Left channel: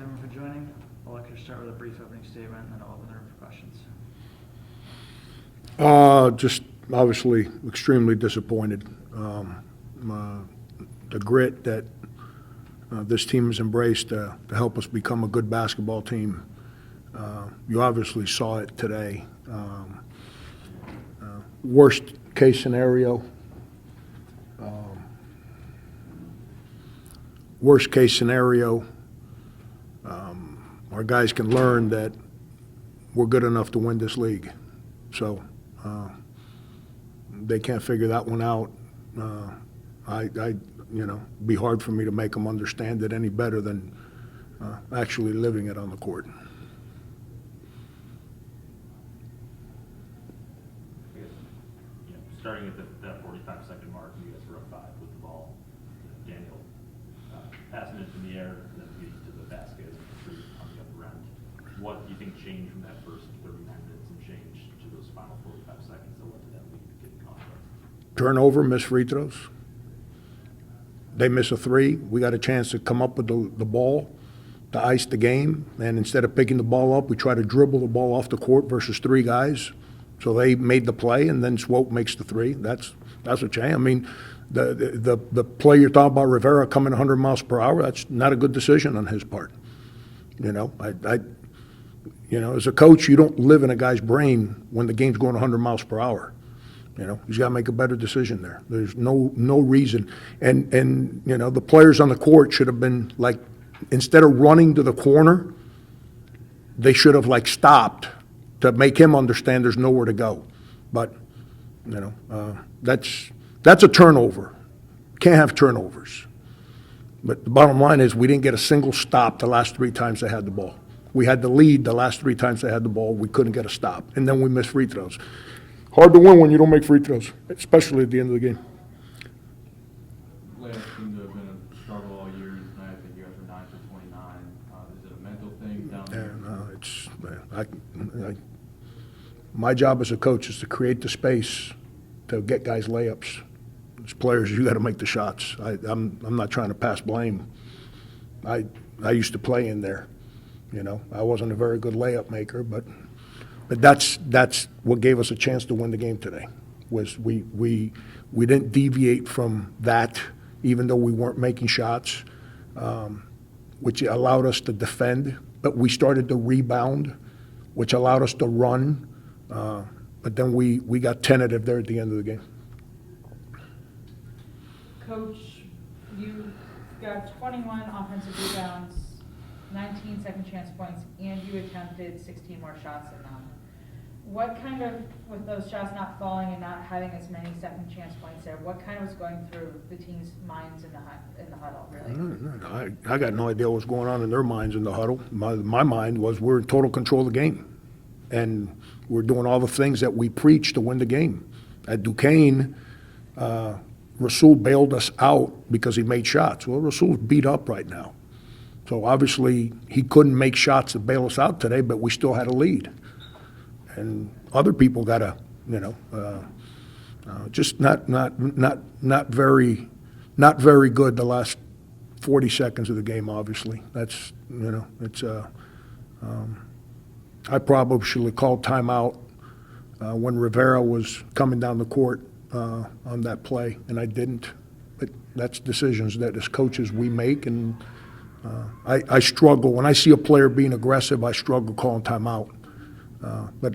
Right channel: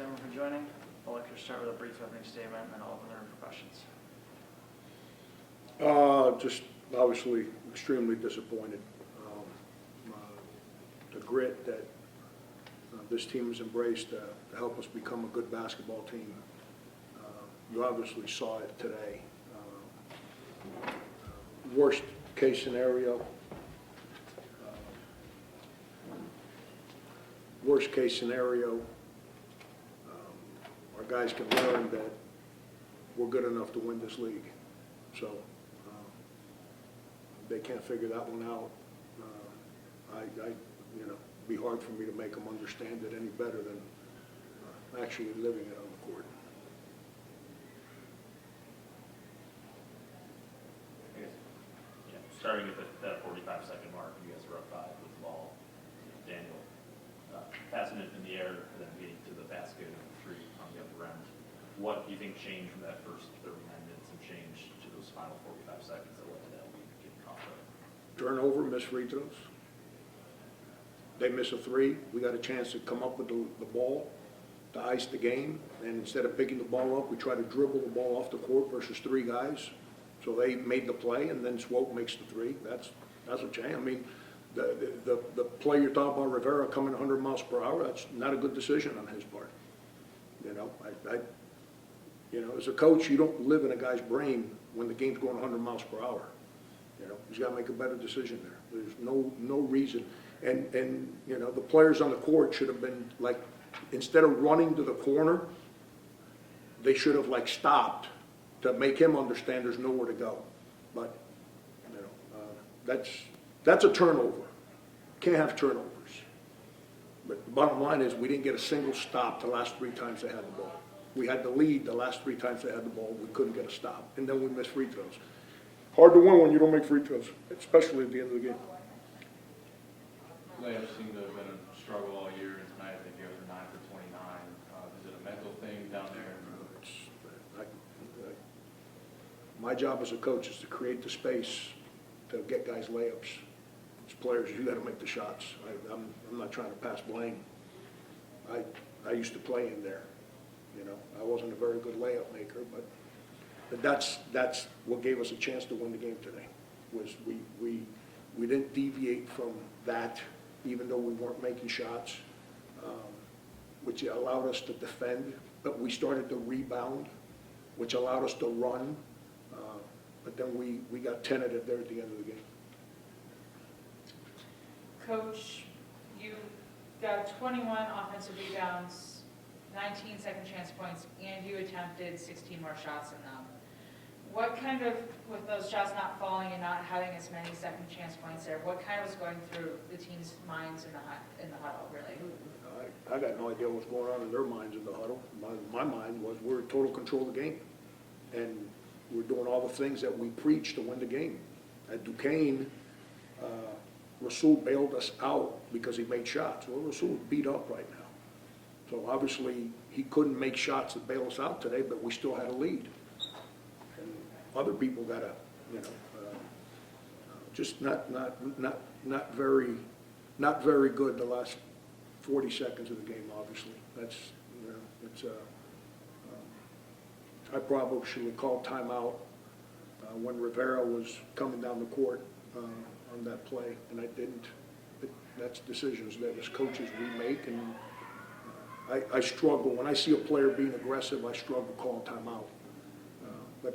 everyone for joining. I'd like to start with a brief opening statement and then I'll open the room for questions. Just obviously extremely disappointed. The grit that this team has embraced to help us become a good basketball team. You obviously saw it today. Worst case scenario. Worst case scenario, our guys can learn that we're good enough to win this league. So they can't figure that one out. Be hard for me to make them understand it any better than actually living it on the court. Starting at that 45-second mark, you guys were up 5 with the ball. Daniel passing it in the air, then getting to the basket and free on the other end. What do you think changed from that first 30 minutes and changed to those final 45 seconds that led to that lead getting caught up? Turnover, missed free throws. They miss a 3. We got a chance to come up with the ball to ice the game, and instead of picking the ball up, we try to dribble the ball off the court versus 3 guys. So they made the play, and then Swope makes the 3. That's a change. I mean, the play you're talking about, Rivera coming 100 miles per hour, that's not a good decision on his part. As a coach, you don't live in a guy's brain when the game's going 100 miles per hour. He's got to make a better decision there. There's no reason. And the players on the court should have been like, instead of running to the corner, they should have stopped to make him understand there's nowhere to go. But, that's a turnover. Can't have turnovers. But the bottom line is we didn't get a single stop the last 3 times they had the ball. We had the lead the last 3 times they had the ball. We couldn't get a stop. And then we missed free throws. Hard to win when you don't make free throws, especially at the end of the game. Last seemed to have been a struggle all year. Tonight, I think you guys are 9 for 29. Is it a mental thing down there? My job as a coach is to create the space to get guys layups. As players, you got to make the shots. I'm not trying to pass blame. I used to play in there. I wasn't a very good layup maker, but that's what gave us a chance to win the game today. Was we didn't deviate from that, even though we weren't making shots, which allowed us to defend. But we started to rebound, which allowed us to run. But then we got tentative there at the end of the game. Coach, you got 21 offensive rebounds, 19 second chance points, and you attempted 16 more shots than them. What kind of, with those shots not falling and not having as many second chance points there, what kind of was going through the team's minds in the huddle, really? I got no idea what was going on in their minds in the huddle. My mind was we're in total control of the game. And we're doing all the things that we preach to win the game. At Duquesne, Rasul bailed us out because he made shots. Well, Rasul's beat up right now. So obviously he couldn't make shots to bail us out today, but we still had a lead. And other people got to, just not very good the last 40 seconds of the game. Obviously, that's it's. I probably should have called timeout when Rivera was coming down the court on that play, and I didn't. But that's decisions that as coaches we make, and I struggle. When I see a player being aggressive, I struggle calling timeout. But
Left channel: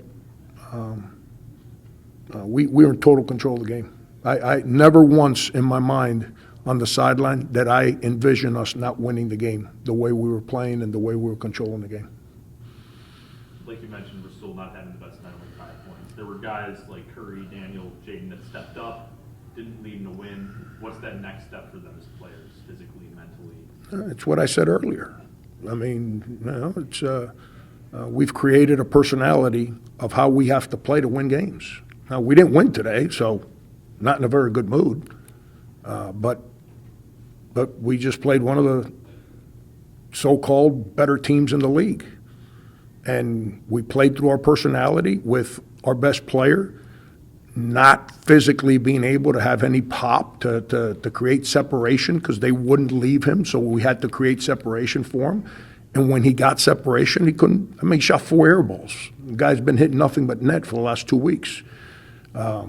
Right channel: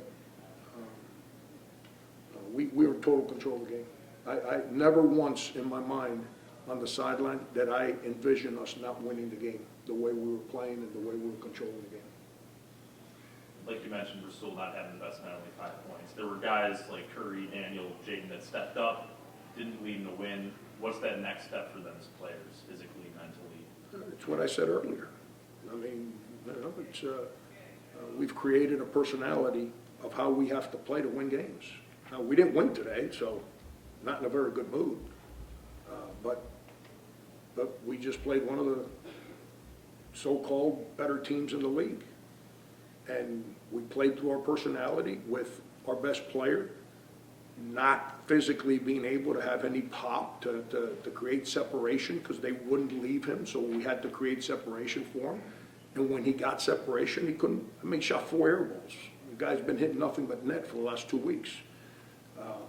we're in total control of the game. I never once in my mind on the sideline that I envision us not winning the game the way we were playing and the way we were controlling the game. Like you mentioned, Rasul not having the best night with 5 points. There were guys like Curry, Daniel, Jaden that stepped up, didn't lead in the win. What's that next step for them as players, physically, mentally? It's what I said earlier. I mean, we've created a personality of how we have to play to win games. Now, we didn't win today, so not in a very good mood. But we just played one of the so-called better teams in the league. And we played through our personality with our best player, not physically being able to have any pop to create separation because they wouldn't leave him, so we had to create separation for him. And when he got separation, he couldn't, I mean, he shot 4 air balls. The guy's been hitting nothing but net for the last 2 weeks. But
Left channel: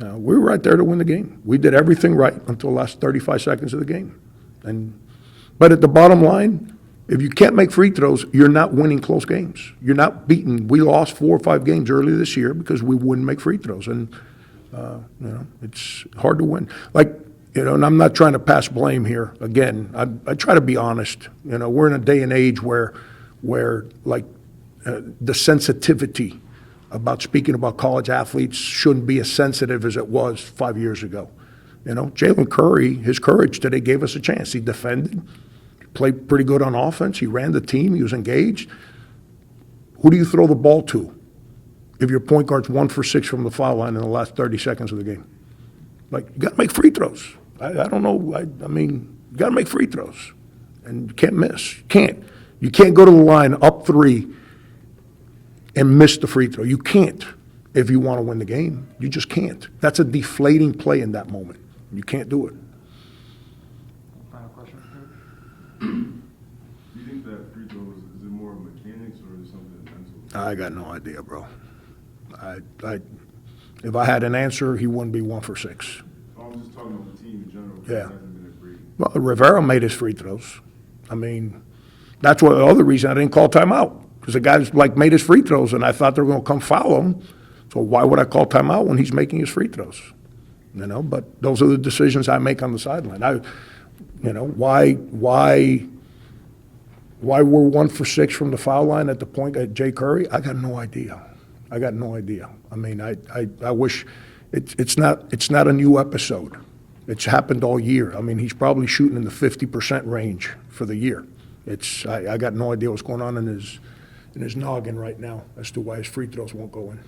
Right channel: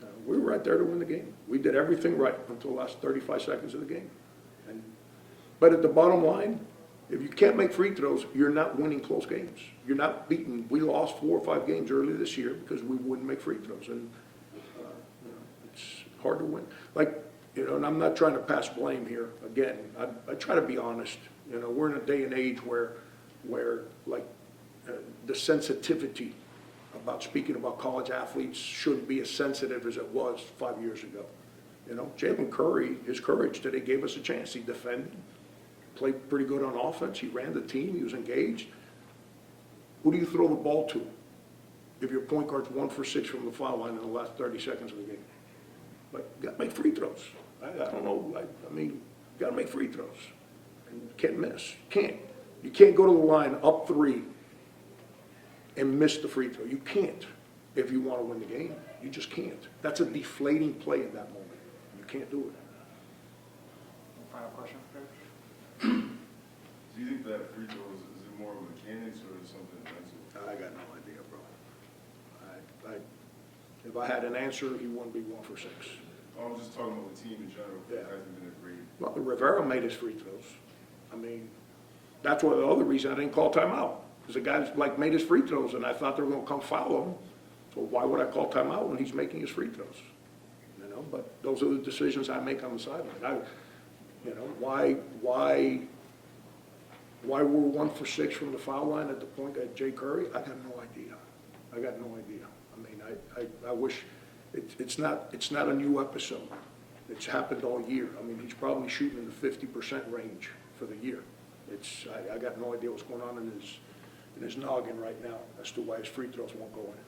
we were right there to win the game. We did everything right until the last 35 seconds of the game. But at the bottom line, if you can't make free throws, you're not winning close games. You're not beating. We lost 4 or 5 games earlier this year because we wouldn't make free throws. And, it's hard to win. Like, and I'm not trying to pass blame here. Again, I try to be honest. We're in a day and age where the sensitivity about speaking about college athletes shouldn't be as sensitive as it was 5 years ago. Jalen Curry, his courage today gave us a chance. He defended, played pretty good on offense. He ran the team. He was engaged. Who do you throw the ball to if your point guard's 1 for 6 from the foul line in the last 30 seconds of the game? Like, you got to make free throws. I don't know. I mean, you got to make free throws. And you can't miss. You can't go to the line up 3 and miss the free throw. You can't if you want to win the game. You just can't. That's a deflating play in that moment. You can't do it. Final question for Coach? Do you think that free throw is it more mechanics or is it something mental? I got no idea, bro. If I had an answer, he wouldn't be 1 for 6. I'm just talking about the team in general. Yeah. It hasn't been a great. Well, Rivera made his free throws. I mean, that's the other reason I didn't call timeout, because the guys made his free throws, and I thought they were going to come foul him. So why would I call timeout when he's making his free throws? But those are the decisions I make on the sideline. Why we're 1 for 6 from the foul line at the point at Jay Curry? I got no idea. I mean, I wish it's not a new episode. It's happened all year. I mean, he's probably shooting in the 50% range for the year. I got no idea what's going on in his noggin right now as to why his free throws won't go in.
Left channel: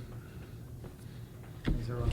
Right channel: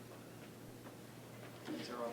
Is there a